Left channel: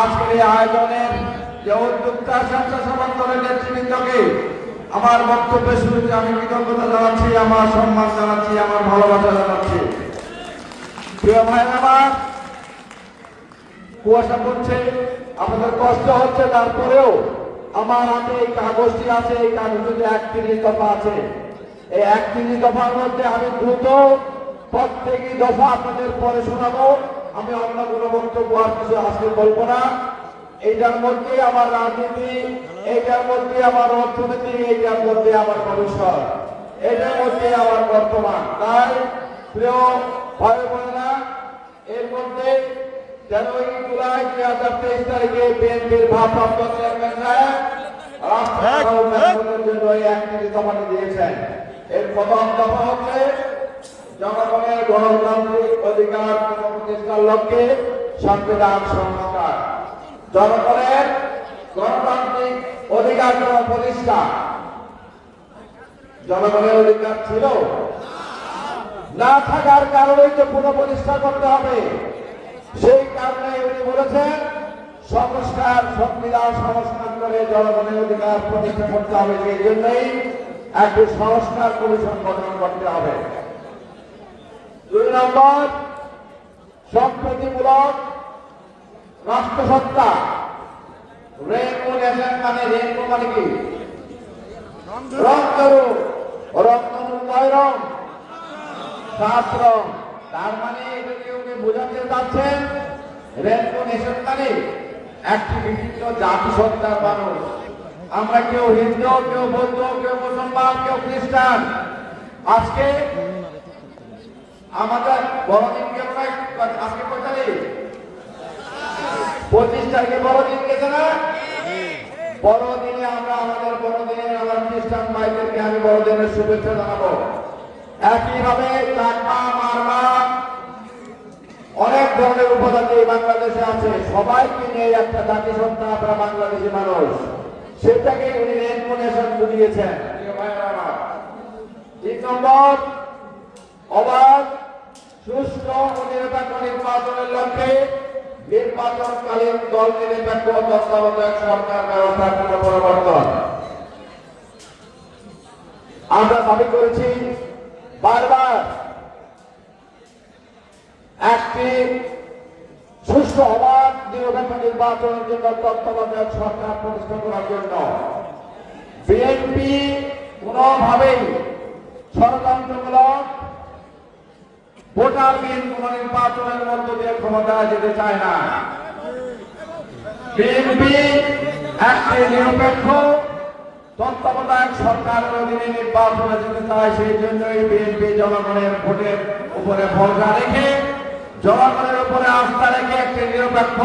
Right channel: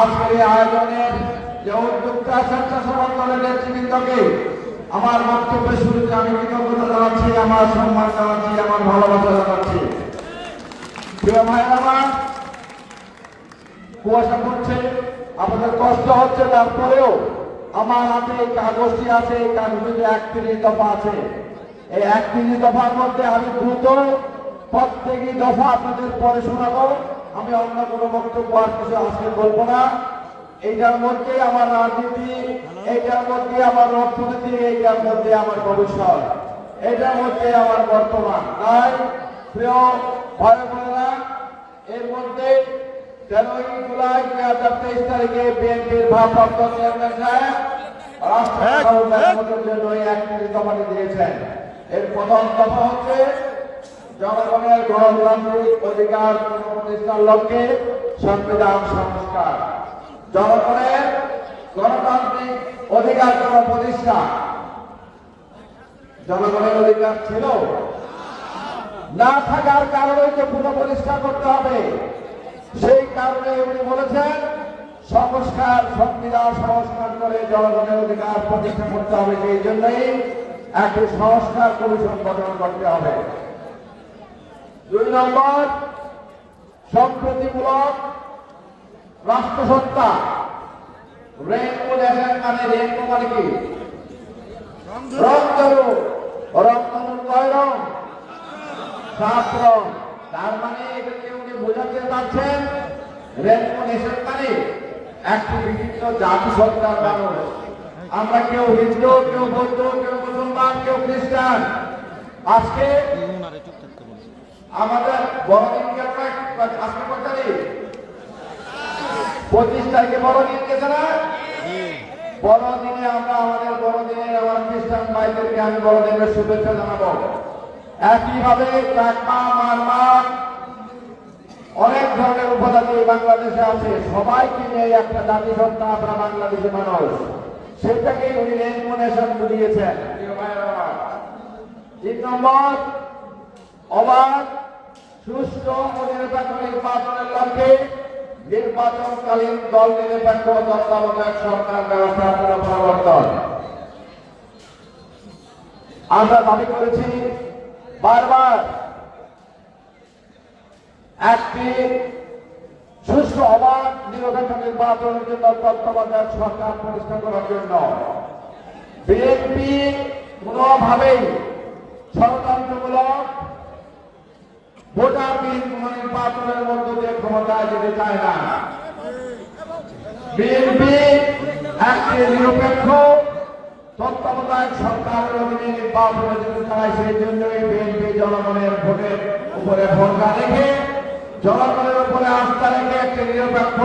আজকে আয়োজনের যে উদ্যোক্তা কৃতজ্ঞতা জানাচ্ছি, আমার সম্মান জানাচ্ছি, আমার ভালোবাসা জানাচ্ছি। প্রিয় ভাই আমার কুয়াশা পড়ছে, আপনাদের কষ্ট হচ্ছে, তারপরেও আমার হাতে এই কাগজটি আছে, এই কাগজটিতে একত্রিশ দফা আছে। এই এক একত্রিশ দফার মধ্যে আমি দ্রুত প্রত্যেকই দফা আপনাদের পরে শোনাবো। আমি অন্য কোনো বক্তব্য আর কিছু আজকে বলব না। এইটার মধ্যে আমার রাজনীতি, এইটার মধ্যে আমার অর্থনীতি, এইটার মধ্যে আমার ভবিষ্যৎ। এইটার মধ্যে আমার বর্তমান। তাই, প্রিয় ভাই বোনেরা, এর মধ্যে তেরোই জুলাই দুই হাজার তেইশ তারিখে বিএনপির ভারপ্রাপ্ত চেয়ারম্যান সাহেব দিয়েছেন। এর প্রথম দফা হচ্ছে জনগণের গণতান্ত্রিক অধিকার প্রতিষ্ঠার লক্ষ্যে সংবিধান সংস্কার। জনগণের গণতান্ত্রিক অধিকার প্রতিষ্ঠা জনগণের অধিকার ছিল। না থাকার কারণে পুনঃপ্রতিষ্ঠা করতে হবে। সেই কারণে উনি বলেছেন, সংস্কার সংবিধান সংস্কার করে জনগণের অধিকার প্রতিষ্ঠা করতে হবে সেই জন্যই একটি সংস্কার কমিশন গঠন করতে হবে। দুই নম্বর, সম্প্রতিমূলক রাষ্ট্রসত্তা। রেনবো নেশন মানে রেনবো মানে কি? রং দেবো রং শাস্ত্র তার মানে এদেরকে উনি বোঝাতে চাচ্ছেন মানে একটি বিভিন্ন জাতিসত্তার মানুষ আমরা কেউ হিন্দু, কেউ বৌদ্ধ, কেউ মুসলমান, কেউ আজকে আমাদের বড়দিনকে আজকে কয় তারিখ? পঁচিশ তারিখে বড়দিন গেছে বড়দিনে আমরা আমাদের বড়দিনে আমার খ্রিস্টান ভাইদেরকে আমি বড়দিনের শুভেচ্ছা জানাব। একইভাবে চাকমা, মারমা অনেক ধরনের উপজাতি বাংলাদেশে আছে। সবাইকে নিয়ে একটা জাতি সত্তা আমরা বাংলাদেশের মানুষ। সেটাকে উনি রেনমোনেশন জুড়িয়েছেন তিন নম্বর, অবাধ ও নির্বাচনের লক্ষ্যে নির্বাচনকালীন দল নিরপেক্ষ তত্ত্বাবধায়ক সরকার করা পরিবর্তন। আমরা দাবি করেছি, বারবার একটি সুষ্ঠু অবাধ নিরপেক্ষ নির্বাচনের জন্য তত্ত্বাবধায়ক সরকার প্রতিষ্ঠা করার জন্য বিএনপি কোনোভাবেই ষড়যন্ত্রমূলক ভোটারবিহীন কোন নির্বাচনের মধ্যে দিয়ে ক্ষমতায় যেতে চায় না। বিএনপি একটি নিরপেক্ষ, তত্ত্বাবধায়ক সরকার অধীনে নির্বাচনে যেতে চায়, সেই জন্যই বিএনপি জনগণের ভোটের উপরে ভরসা রেখে জনগণের উপরে আস্থা রেখে একটি নিরপেক্ষ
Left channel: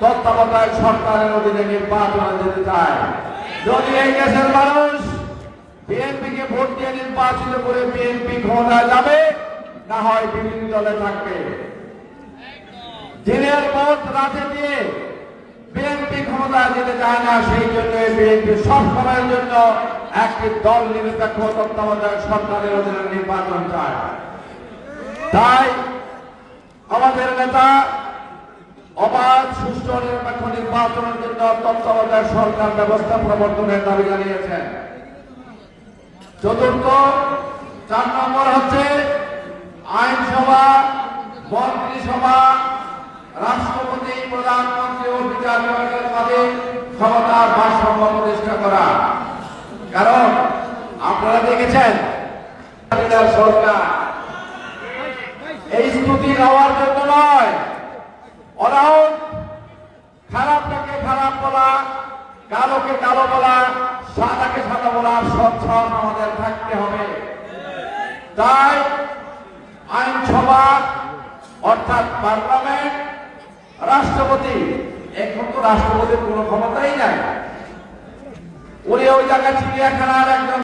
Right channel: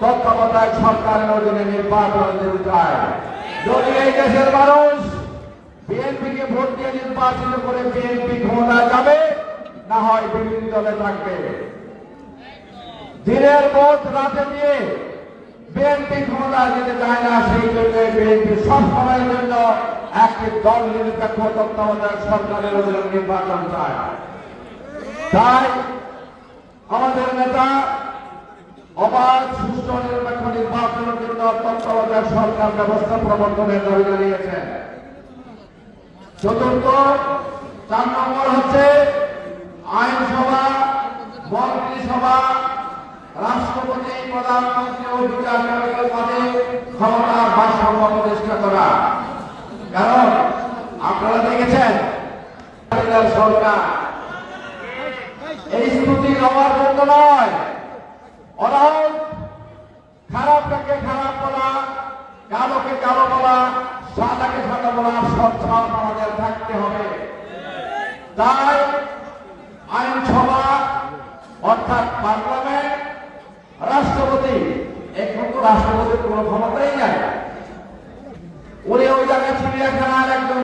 তত্ত্বাবধায়ক সরকারের অধীনে নির্বাচনে যেতে চায়। যদি এই দেশের মানুষ বিএনপিকে ভোট দিয়ে নির্বাচন করে বিএনপি ক্ষমতায় যাবে, না হয় বিভিন্ন দলে থাকবে। দিনের ভোট রাতে দিয়ে বিএনপি ক্ষমতায় যেতে চায় না, সেই জন্য বিএনপি সরকারের জন্য একটি দল নিরপেক্ষ তত্ত্বাবধায়ক সরকারের অধীনে নির্বাচন চায়। তাই নেতা, অবাধ, সুষ্ঠু নিরপেক্ষ নির্বাচনের জন্য তত্ত্বাবধায়ক সরকার ব্যবস্থা প্রবর্তনের দাবি জানিয়েছেন চতুর্থ, চার নম্বর হচ্ছে আইনসভা মন্ত্রিসভা রাষ্ট্রপতি, প্রধানমন্ত্রী ও বিচারপতির পদে ক্ষমতার ভারসাম্য প্রতিষ্ঠা করা। কারণ আপনারা দেখেছেন, সরকার এই স্তুতি নেওয়ার জন্য নয় অনাহত খারাপটাকে খারাপ বলা কালোকে কালো বলা, সাদাকে সাদা বলা, সচ্ছল আমাদের থাকতে হবে। তাই আইনসভা অর্থাৎ পার্লামেন্ট, রাষ্ট্রপতি, এখন তো রাষ্ট্রপতির কোনো ক্ষমতাই নাই। উনি ওই জায়গায় চিড়িয়াখানার একজন